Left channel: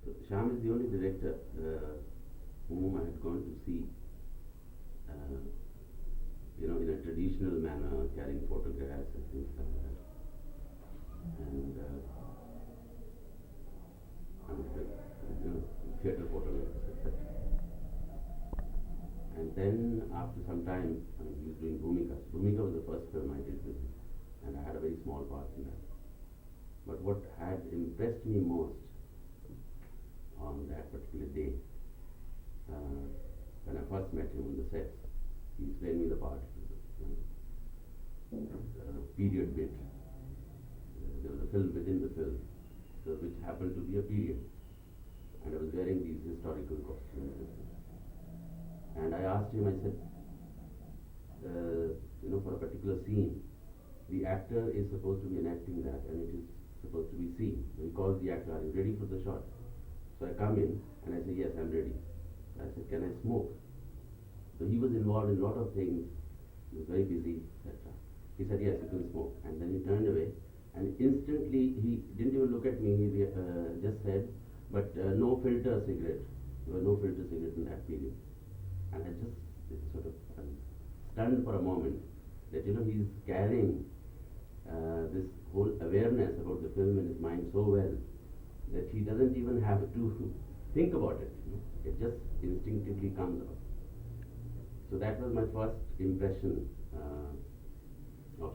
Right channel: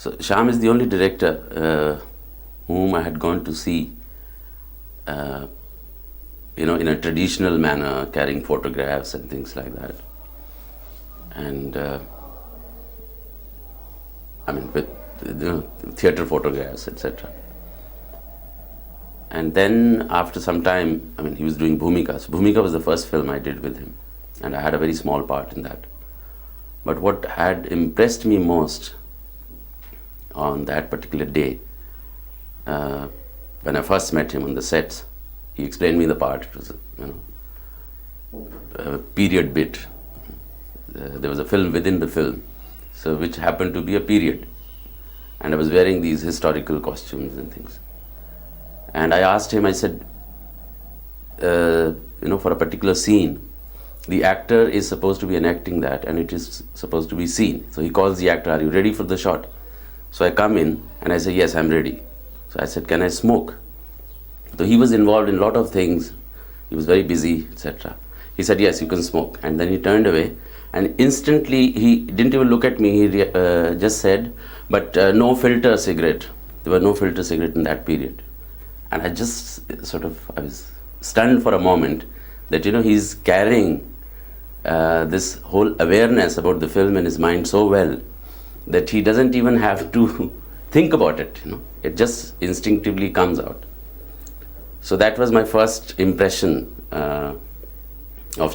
So Shyam is the only director whom I had gone to see, in a traditional manner, carrying photographs and things like that. And with theatre photographs, etc. And then after some time, he was doing Bhoomika. So Bhoomika was the first film I did with him, and I had a very small part in that. But what had impressed me most on that particular day, when I first met him on the sets, he explained me the part. It was a period bit. There was a film within the film, so which happened to be a period, and I was wearing these historical costumes and things. And I asked him, I said, for a particular scene, the actor is supposed to be enacting that, and it is supposed to be seen. So he calls the actor, "Are you ready for the shot?" So I come in and I say, "Yes, I'm ready." So I said, "Can I smoke?" So he was involved in a lot of things. He was very busy, etc. He said, "Yes, you can smoke." And then he turned away, and instantly he didn't even look at me. He just said, "But no filter cigarette." There were no filter cigarette in that period. And I just I was stunned for a moment that, he's carrying this whole awareness about the film in his mind so well that he doesn't even have to think about it, It just instinctively comes out. So that was my first impression of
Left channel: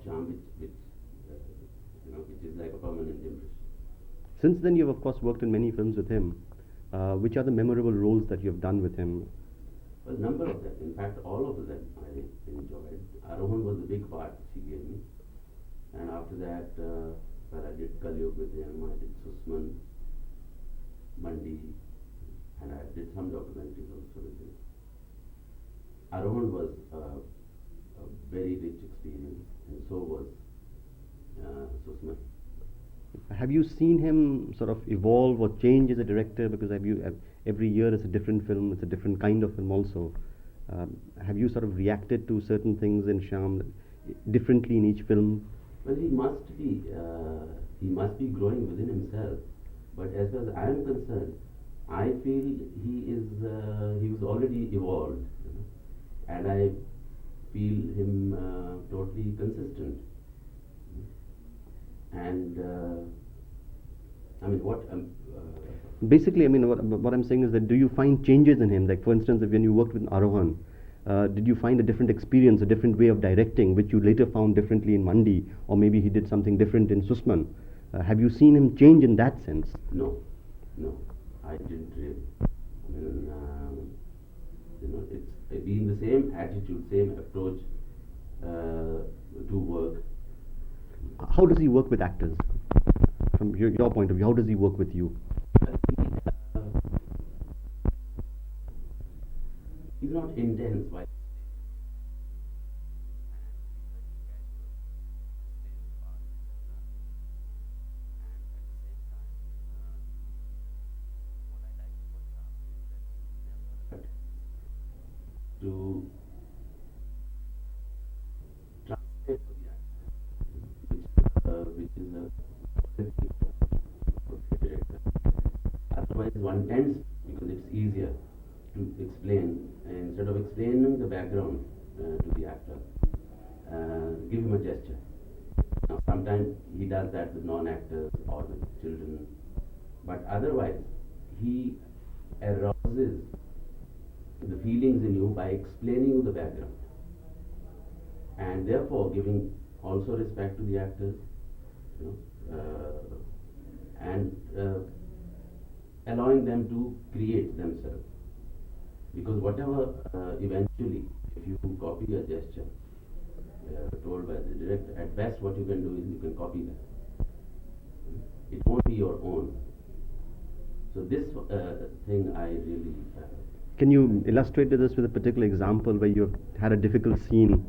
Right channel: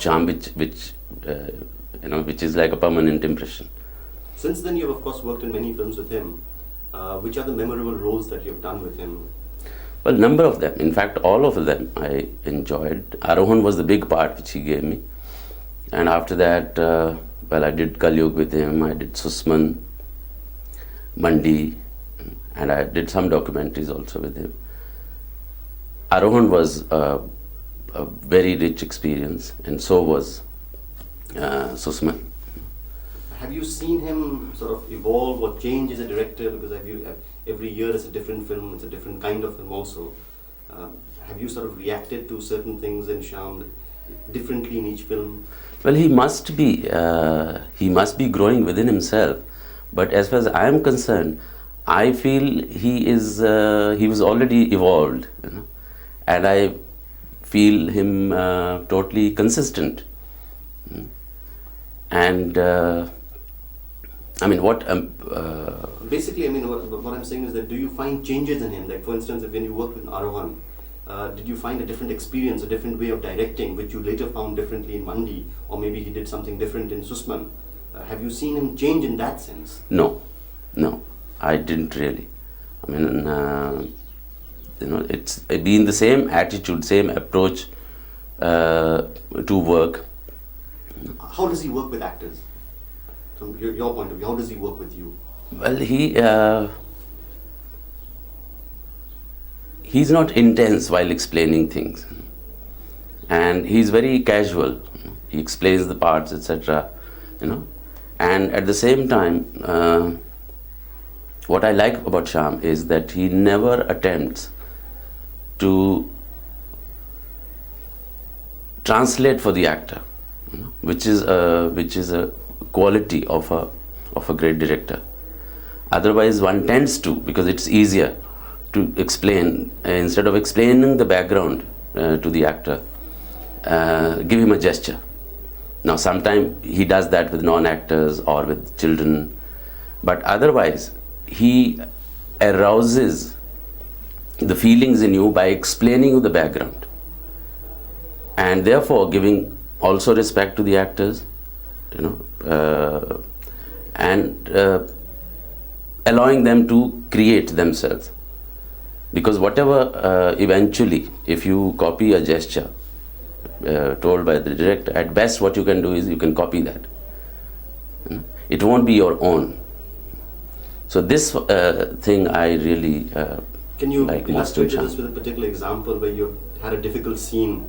Shyam, which is like a permanent impression. Since then, you've of course worked in many films with him. Which are the memorable roles that you've done with him? Well, number of them. In fact, all of them I enjoyed. Arohan was the big part which he gave me. And after that, I did Kalyug with him, I did Susman, Mandi, and I did some documentaries also with him. Arohan was a very rich experience, and so was Susman. Have you seen him sort of evolve or change as a director? Because every year it's a different film, it's a different kind of film also. Have you sort of reacted to certain things in Shyam differently in each film? Well, he must be growing within himself. But as far as I am concerned, I feel he was already evolved, and I feel him totally consistent. And basically, what I'm saying is that do you find changes in him? Like, for instance, when you worked with Arohan, did you find a different experience, a different way of directing, which you later found differently in Mandi, or maybe he did something different in Susman? Have you seen him change in that sense? No, I didn't really. It's been the same attitude, same approach to work. How does he work with actors? From your point of view, how does he work with you? Well, he's not intense while explaining things, and he's very casual. He explains the parts, etc. And at the same time, what I like about Shyam is that he never attempts to translate for the actor, which is a quality of a great director. Otherwise, one tends to, because it's easier to explain, instead of explaining the background to the actor, give him a gesture. Now, sometimes he does that with non-actors or with children, but otherwise, he arouses the feelings in you by explaining you the background, and therefore giving also respect to the actors, and allowing them to create themselves. Because whatever, eventually, if you copy a gesture told by the director, at best what you can do is you can copy that. It won't be your own. So this thing I really Can you like illustrate this with a particular example where you had a difficult scene,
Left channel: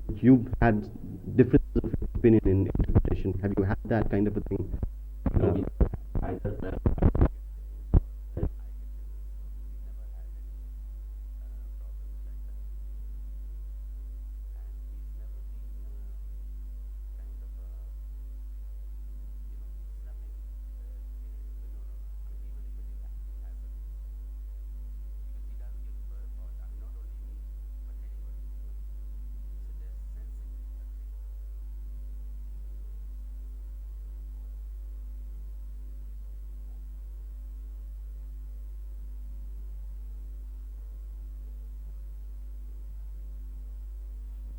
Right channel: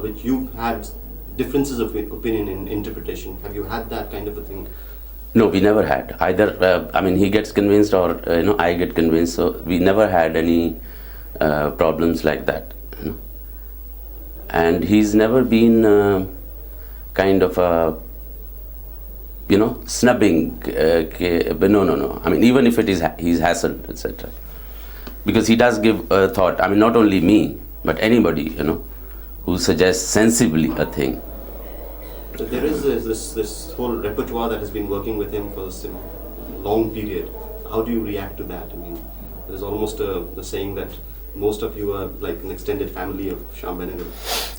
which you had differences of opinion in interpretation? Have you had that kind of a thing? No, we never had. Either, he gets convinced or, I get convinced. So we never had any problems like that. And he's never been kind of a, snubbing. But no. I mean, even if it is he's hassled, etc. Because he does give a thought. I mean, not only me, but anybody, who suggests sensibly a thing. So there is this whole repertoire that has been working with him for this long period. How do you react to that? I mean, there's almost the saying that most of you are like an extended family of Shyam Benegal.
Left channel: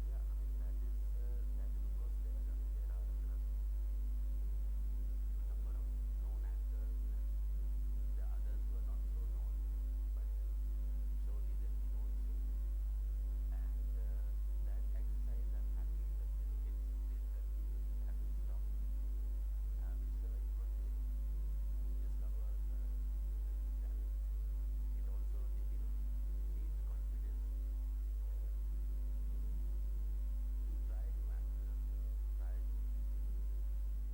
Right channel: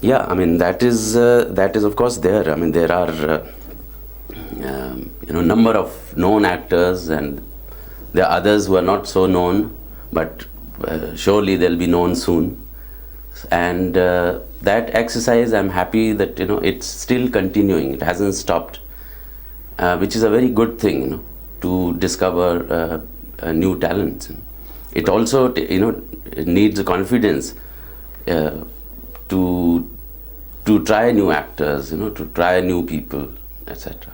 Yeah, I mean that is of course there. I mean there are number of known actors, and there are others who are not so known, but surely they'll be known soon. And that exercise, I'm happy that it's still continuing. It hasn't stopped, which is a very good thing, to discover new talents. It also it needs confidence to try new actors, to try new people, etc.